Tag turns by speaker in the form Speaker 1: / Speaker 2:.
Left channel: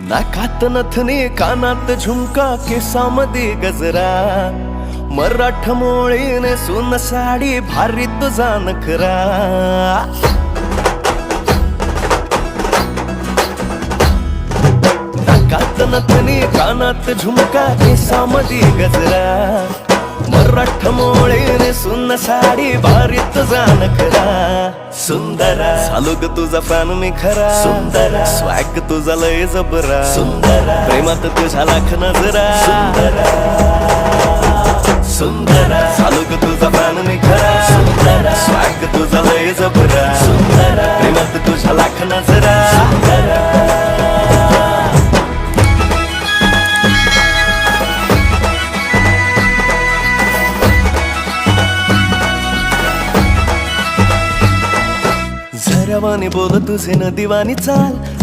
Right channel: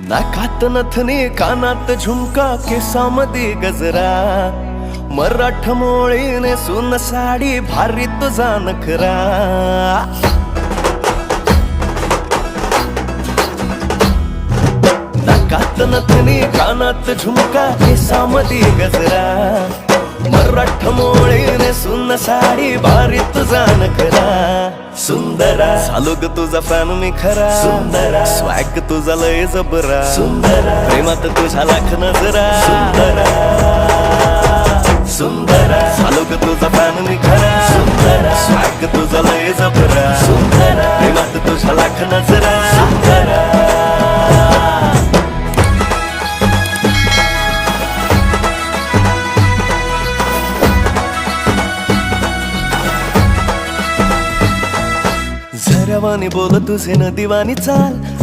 Speaker 1: नाकात नथने कानात झुमका केसामध्ये गजरा. मराठ मोळीने सुन साडी भारी तुझा नखरा नाकात नथने कानात झुमका केसामध्ये गजरा. मराठ मोळीने सुन साडी भारी तुझा नखरा सुंदरा. झालो ग तुझा फॅन मी खरा. सुंदरा. स्वॅग तुझा लय जबरा. सुंदरा. प्रेमात तुझ्या लाख नजरा. सुंदरा. झालो ग तुझा फॅन मी खरा. स्वॅग तुझा लय जबरा. प्रेमात तुझ्या लाख नजरा. झऱ्यावानी बोल तुझे न दिवानी चाल.